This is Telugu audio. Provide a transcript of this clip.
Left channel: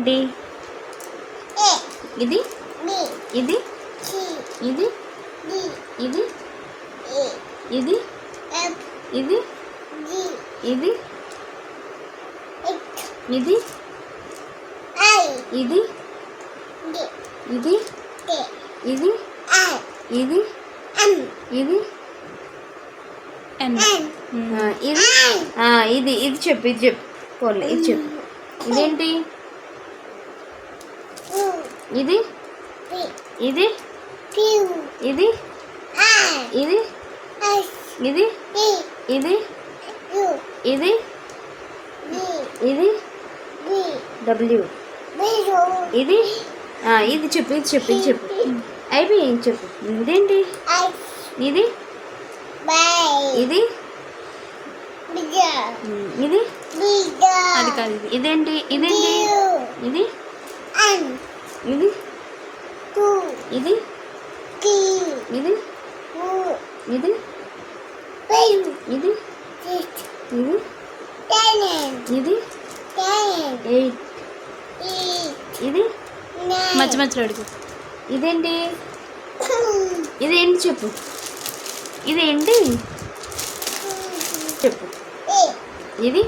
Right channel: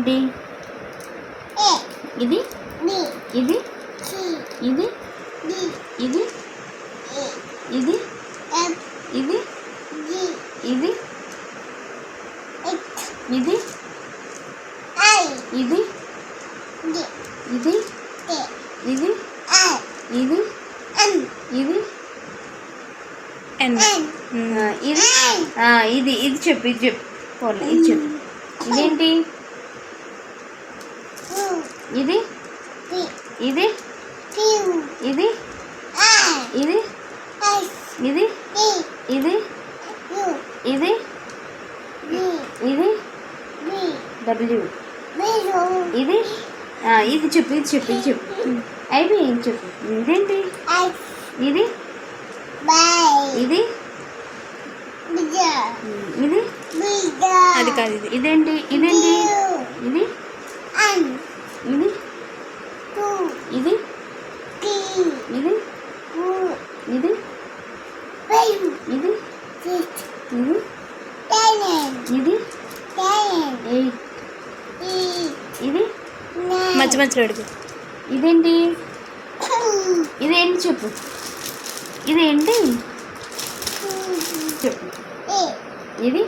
ఏంటి ఇది ఇది ఇది ఇది ఇది ఇది ఇది ఇది ఇది ఇది ఇది ఇది ఇది ఇది ఇది ఇది చెప్పు ఇది చెప్పు పోలే ఇది చెప్పు ఇదేంటి ఇది ఇది ఇది ఇది ఇది ఇది ఇది ఇది డబ్ల్యూ ఇది ఇది చెప్పు ఇది చెప్పు ఇది చెప్పు అయిపోయి ఏం చెప్పు ఇదేంటి ఇది ఇది ఇది అది కాదు ఇది ఇదేంటి ఇదేంటి ఇది ఇది ఇది ఇది ఇది ఇది ఇది ఇది 8 ఇది మధ్య మధ్యలో అడుగు. ఇదేంటి ఇదేంటి చెప్పు ఇదేంటి చెప్పు ఇది